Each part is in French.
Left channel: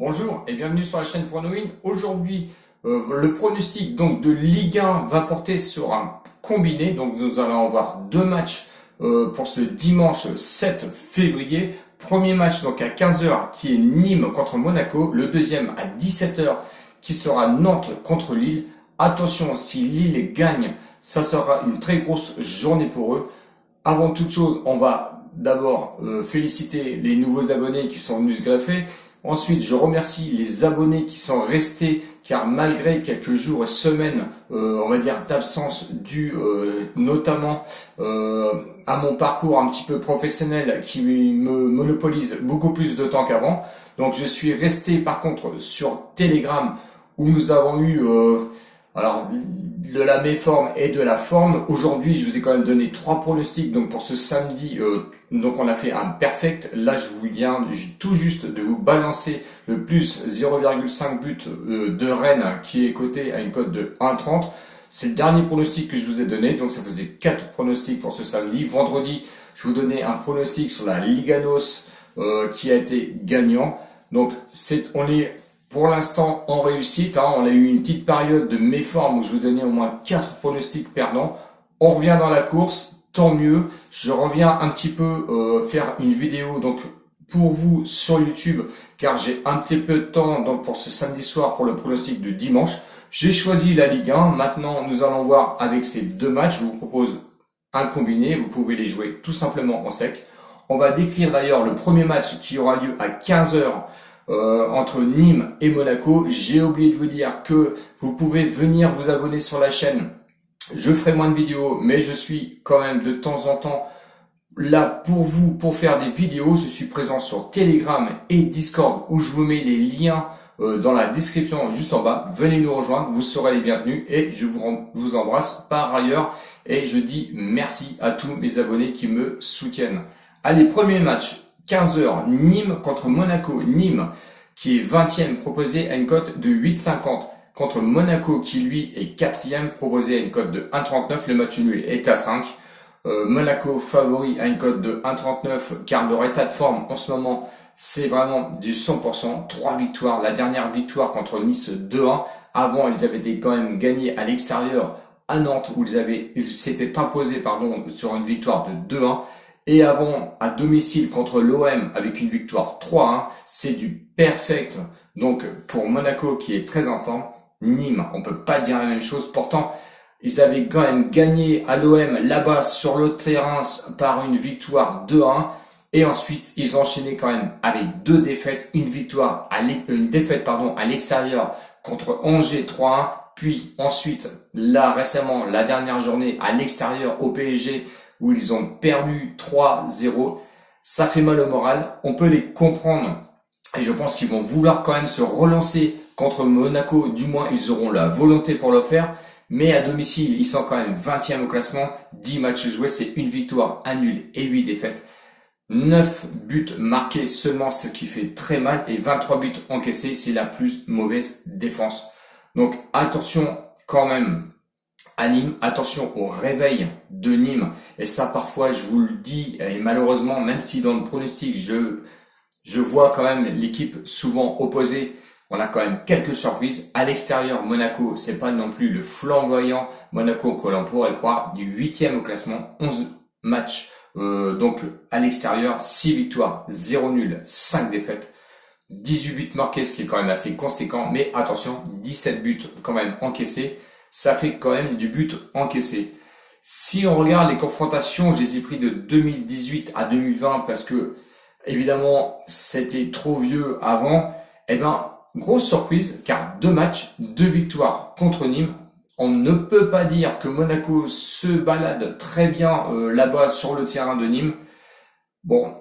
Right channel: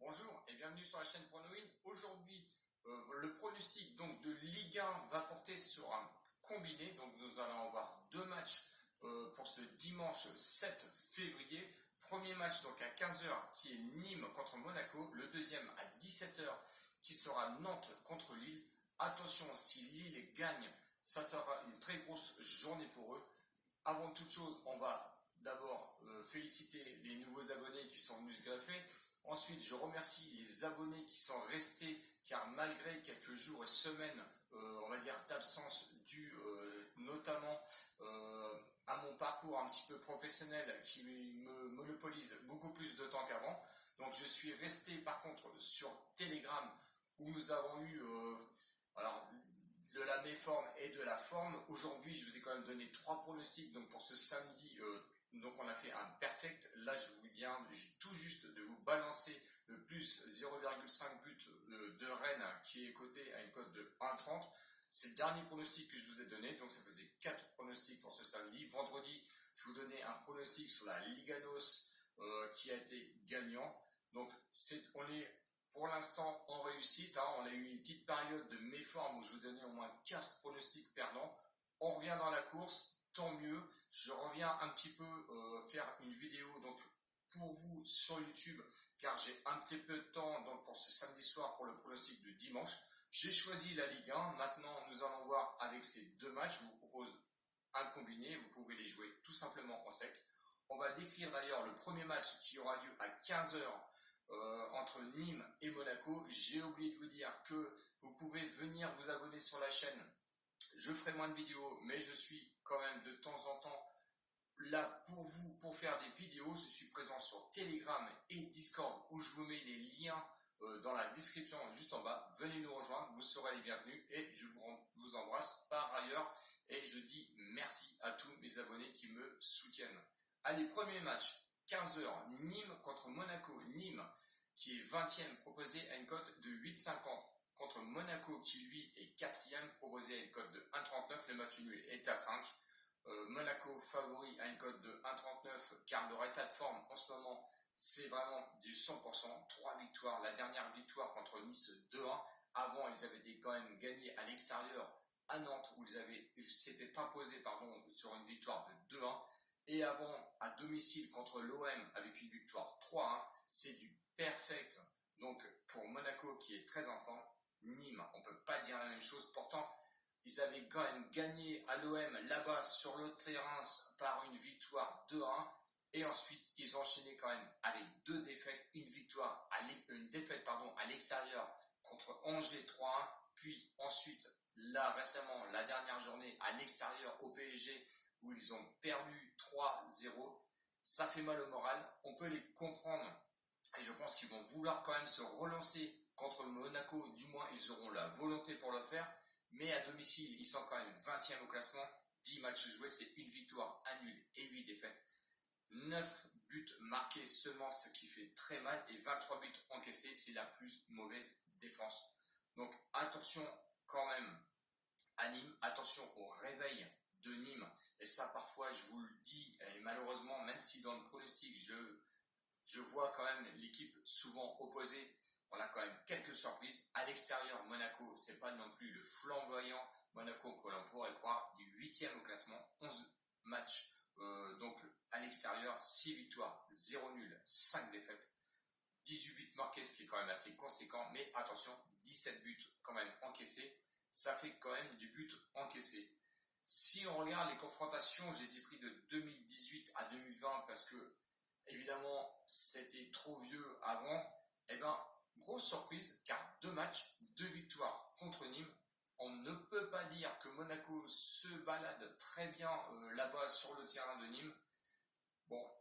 Bonjour et bienvenue sur la chaîne Pronoin. Aujourd'hui, le pronostic donc de Ligue 1 va porter sur un combiné. Donc nous allons avoir deux matchs pour ce dimanche 7 février. Premier match donc à 15 heures qui est Nîmes contre Monaco. Le deuxième à 17 heures qui sera Nantes contre Lille. Attention, si Lille gagne, ça sera une très grosse journée pour eux. Avant toute chose, on va d'abord féliciter les nouveaux abonnés qui sont venus se greffer. Ensuite, je remercie les abonnés qui sont restés car malgré quelques jours et semaines, on va dire d'absence due notamment à mon parcours un petit peu professionnel qui me monopolise beaucoup plus de temps qu'avant. Donc je suis resté par contre sur Telegram où nous avons eu alors de la méforme et de la forme. Aujourd'hui, je vous ai quand même donné trois pronostics. Donc pour ce samedi, donc on a fait un perfect. Là, je vous viens tout juste de vous balancer le plus 0,5 but de Rennes qui est coté à une cote de 1,30. C'est le dernier pronostic que je vous ai donné. Donc ça faisait 4 pronostics pour ce samedi. Vendredi, je vous donnais un pronostic sur la Liganos qui a été gagnant. Donc on est pour l'instant en réussite, on a eu une petite période de méforme où je vous donnais au moins 4 pronostics perdants. On revient dans la course, tant mieux. Je reviens un petit peu faire une vidéo donc pour vous sur YouTube car j'ai un petit peu de temps donc pour ce samedi soir pour le pronostic de dimanche. J'ai choisi la Ligue 1. Maintenant, nous allons voir avec ces deux matchs. Je vous propose un combiné. Vous pouvez les jouer tout simplement en sec. On va décrire d'ailleurs le premier match qui aura lieu à 15 heures. Entre Nîmes et Monaco. J'ai oublié de vous dire que vous pouvez venir vous abonner sur la chaîne. Je ferai moins de vidéos, mais je suis quand même de temps en temps là pour vous, pour faire des vidéos. Je suis présent sur Telegram et Discord où je vous mets les liens dans la description juste en bas. Venez nous rejoindre, vous serez les bienvenus et je vous embrasse par ailleurs. Et je dis merci à tous mes abonnés qui me soutiennent. Allez, premier match. 15 heures, Nîmes contre Monaco. Nîmes qui est 20e proposé à une cote de 8,50 contre Monaco qui lui est 4e proposé à une cote de 1,39. Le match nul est à 5. Monaco favori à une cote de 1,39 car leur état de forme en ce moment c'est vraiment du 100%. 3 victoires. La dernière victoire contre Nice 2-1. Avant ils avaient été quand même gagnés à l'extérieur à Nantes où ils s'étaient imposés sur une victoire de 2-1. Et avant, à domicile contre l'OM avec une victoire 3-1, c'est du perfect. Donc pour Monaco qui est très en forme, Nîmes, on peut pas dire la même chose. Pourtant, ils avaient quand même gagné à l'OM là-bas sur le terrain par une victoire 2-1. Et ensuite, ils ont enchaîné quand même avec deux défaites, une défaite à l'extérieur contre Angers 3-1. Puis ensuite, là récemment, la dernière journée à l'extérieur au PSG, où ils ont perdu 3-0, ça fait mal au moral, on peut les comprendre et je pense qu'ils vont vouloir quand même se relancer contre Monaco, du moins ils auront la volonté pour le faire, mais à domicile ils sont quand même 20e au classement, 10 matchs joués, c'est une victoire, un nul et 8 défaites, 9 buts marqués seulement, ce qui fait très mal, et 23 buts encaissés, c'est la plus mauvaise défense. Donc attention quand même à Nîmes, attention au réveil de Nîmes, et ça parfois je vous le dis, et malheureusement même si dans le pronostic je vois quand même l'équipe souvent opposée, on a quand même quelques surprises. À l'extérieur, Monaco, c'est pas non plus le flamboyant Monaco que l'on pourrait croire, du 8e au classement, 11 matchs, donc à l'extérieur, 6 victoires, 0 nul, 5 défaites, 18 buts marqués, ce qui est quand même assez conséquent, mais attention, 17 buts quand même encaissés, ça fait quand même du but encaissé. Si on regarde les confrontations, je les ai pris de 2018 à 2020 parce que, évidemment, c'était trop vieux avant. Eh ben, grosse surprise, car 2 matchs, 2 victoires contre Nîmes. On ne peut pas dire que Monaco se balade très bien là-bas sur le terrain de Nîmes. Bon,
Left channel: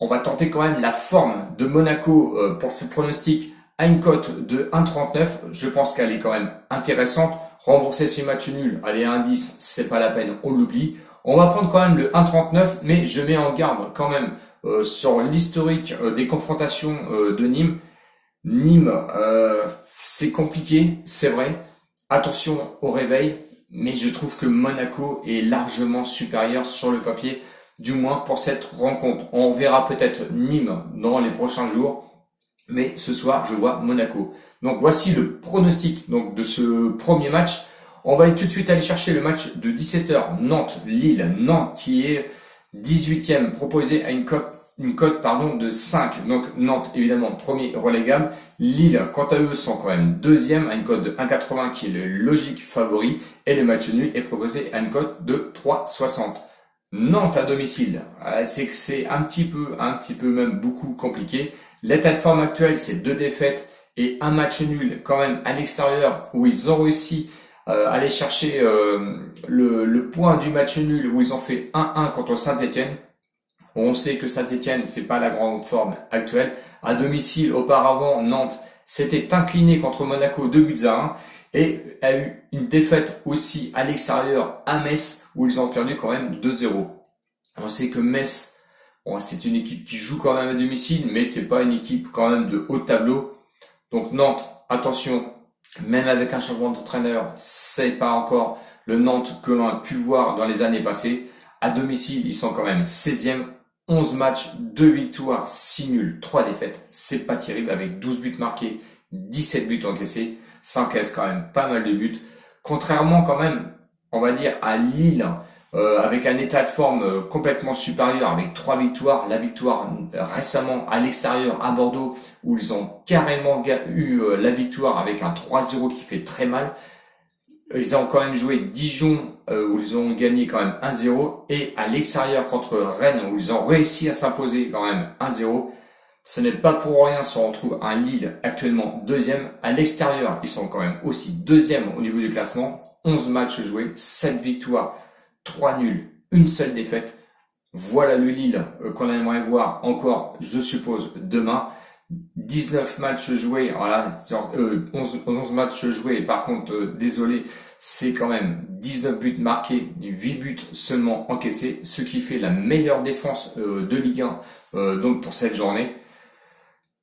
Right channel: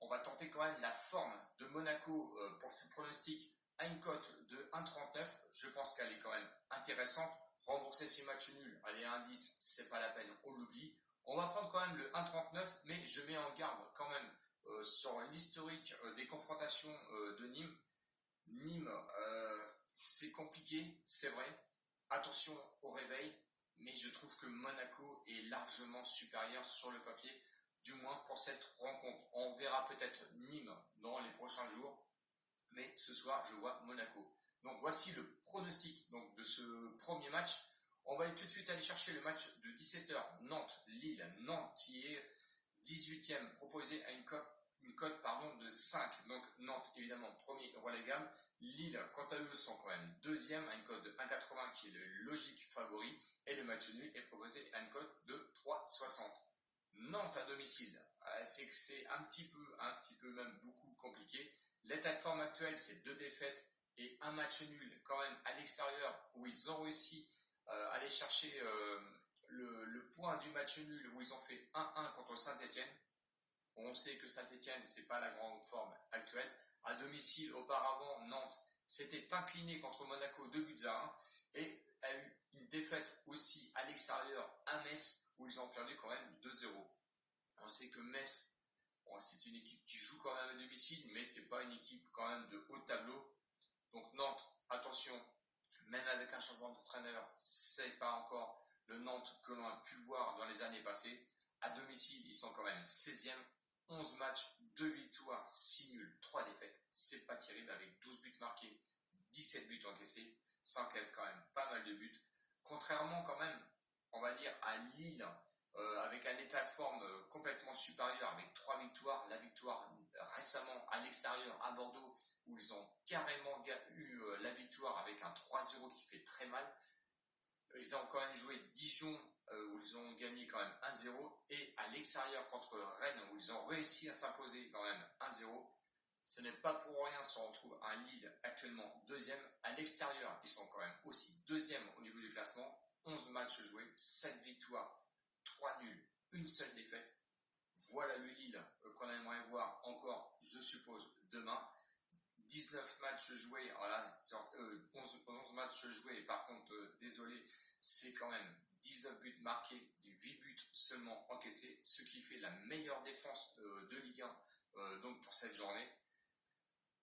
on va tenter quand même la forme de Monaco pour ce pronostic à une cote de 1,39. Je pense qu'elle est quand même intéressante. Rembourser ces matchs nuls, allez, 1,10, c'est pas la peine, on l'oublie. On va prendre quand même le 1,39, mais je mets en garde quand même sur l'historique des confrontations de Nîmes. Nîmes, c'est compliqué, c'est vrai. Attention au réveil, mais je trouve que Monaco est largement supérieur sur le papier, du moins pour cette rencontre. On verra peut-être Nîmes dans les prochains jours. Mais ce soir, je vois Monaco. Donc voici le pronostic donc, de ce premier match. On va tout de suite aller chercher le match de 17h, Nantes-Lille. Nantes qui est 18e, proposé à une cote de 5. Donc Nantes, évidemment, premier relégable. Lille, quant à eux, sont quand même deuxième à une cote de 1,80 qui est le logique favori. Et le match nul est proposé à une cote de 3,60. Nantes à domicile, c'est un petit peu même beaucoup compliqué. L'état de forme actuel, c'est 2 défaites et un match nul quand même à l'extérieur où ils ont réussi à aller chercher le point du match nul où ils ont fait 1-1 contre Saint-Etienne. On sait que Saint-Etienne, c'est pas la grande forme actuelle. À domicile, auparavant, Nantes s'était incliné contre Monaco 2-1 et a eu une défaite aussi à l'extérieur à Metz où ils ont perdu quand même 2-0. On sait que Metz, bon, c'est une équipe qui joue quand même à domicile, mais c'est pas une équipe quand même de haut tableau. Donc Nantes, attention, même avec un changement d'entraîneur, c'est pas encore le Nantes que l'on a pu voir dans les années passées. À domicile, ils sont quand même 16e. 11 matchs, 2 victoires, 6 nuls, 3 défaites. C'est pas terrible avec 12 buts marqués, 17 buts encaissés. Ça encaisse quand même pas mal de buts. Contrairement quand même, on va dire, à Lille, avec un état de forme complètement supérieur, avec 3 victoires. La victoire récemment à l'extérieur à Bordeaux, où ils ont carrément eu la victoire avec un 3-0 qui fait très mal. Ils ont quand même joué Dijon où ils ont gagné quand même 1-0 et à l'extérieur contre Rennes où ils ont réussi à s'imposer quand même 1-0. Ce n'est pas pour rien si on retrouve un Lille actuellement deuxième. À l'extérieur, ils sont quand même aussi deuxième au niveau du classement. 11 matchs joués, 7 victoires, 3 nuls, une seule défaite. Voilà le Lille qu'on aimerait voir encore, je suppose, demain. 19 matchs joués, voilà, 11 matchs joués, par contre, désolé, c'est quand même 19 buts marqués, 8 buts seulement encaissés, ce qui fait la meilleure défense de Ligue 1 donc pour cette journée.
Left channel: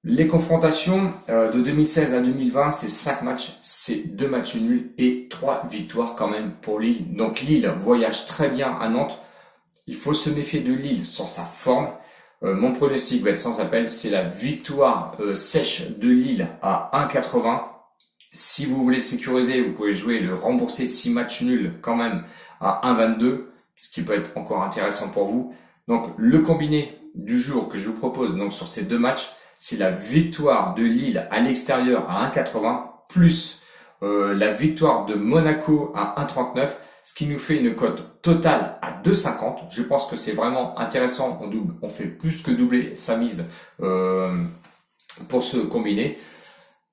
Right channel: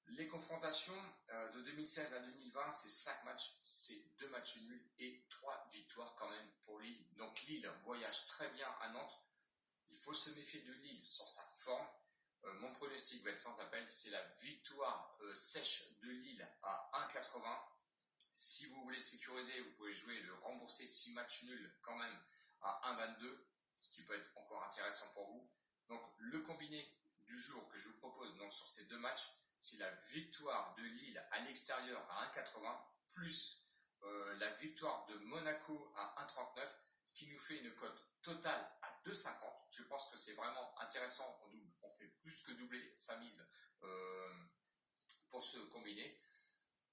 Les confrontations de 2016 à 2020, c'est 5 matchs, c'est 2 matchs nuls et 3 victoires quand même pour Lille. Donc Lille voyage très bien à Nantes. Il faut se méfier de Lille sur sa forme. Mon pronostic va être sans appel, c'est la victoire sèche de Lille à 1,80. Si vous voulez sécuriser, vous pouvez jouer le rembourser 6 matchs nuls quand même à 1,22, ce qui peut être encore intéressant pour vous. Donc le combiné du jour que je vous propose donc sur ces 2 matchs, c'est la victoire de Lille à l'extérieur à 1,80 plus la victoire de Monaco à 1,39. Ce qui nous fait une cote totale à 2,50. Je pense que c'est vraiment intéressant. On fait plus que doubler sa mise pour ce combiné.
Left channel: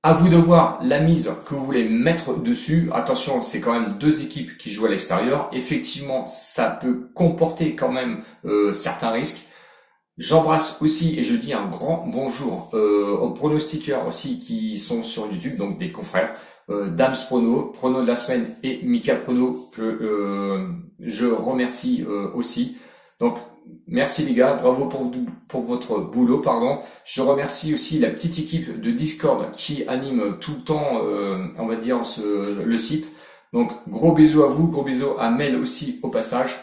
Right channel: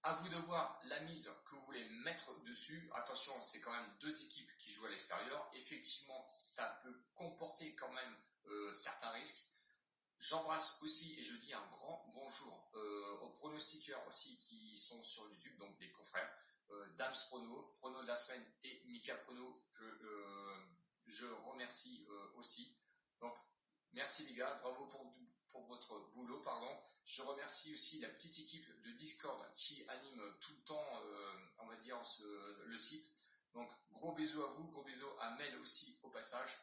À vous de voir la mise que vous voulez mettre dessus. Attention, c'est quand même 2 équipes qui jouent à l'extérieur. Effectivement, ça peut comporter quand même certains risques. J'embrasse aussi et je dis un grand bonjour aux pronostiqueurs aussi qui sont sur YouTube, donc des confrères. Dams Prono, Prono de la semaine et Mika Prono que je remercie aussi. Donc merci les gars, bravo pour votre boulot, pardon. Je remercie aussi la petite équipe de Discord qui anime tout le temps, on va dire, le site. Donc gros bisous à vous, gros bisous à Mel aussi au passage.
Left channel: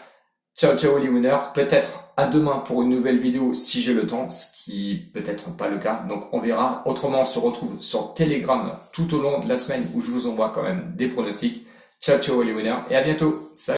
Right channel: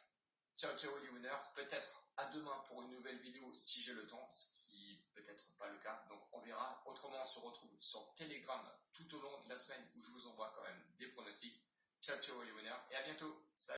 Ciao ciao les winners, peut-être à demain pour une nouvelle vidéo si j'ai le temps, ce qui peut-être pas le cas, donc on verra. Autrement on se retrouve sur Telegram tout au long de la semaine où je vous envoie quand même des pronostics. Ciao ciao les winners et à bientôt, salut.